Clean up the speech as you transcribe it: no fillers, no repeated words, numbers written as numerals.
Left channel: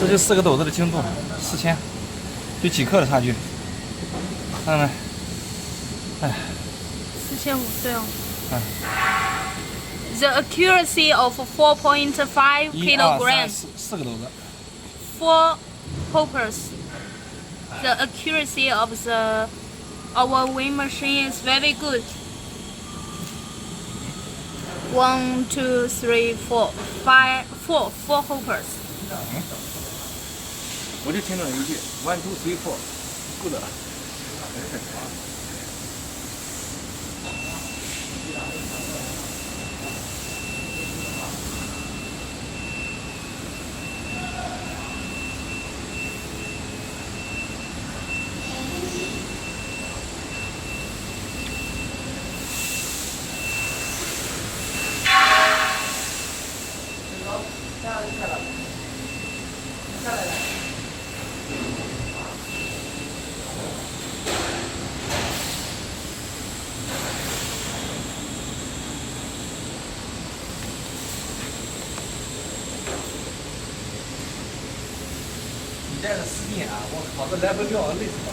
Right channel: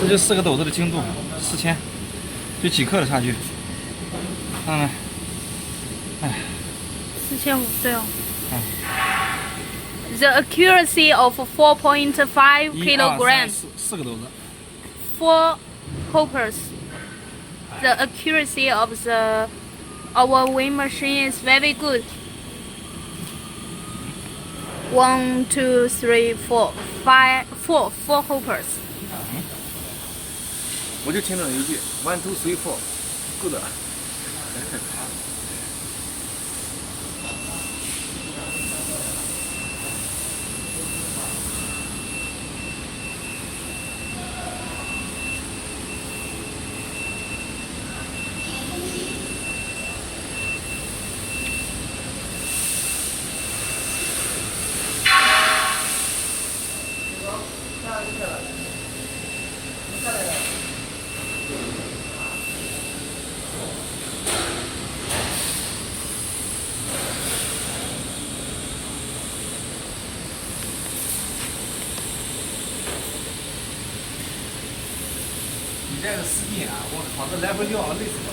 这就4个斗子的精度，4000，就几克的差距。看看，哎4500对哦。哎， The accuracy of 4.5 1、2、3、kilograms 4个斗子。 for hoppers. The accuracy of our weighing machine is very good. 1, 2, 3, 4, 5, 4 hoppers. 我就听懂一句 1、2、3、4，不的。你带着司机啊，我靠，这来回撂累死了。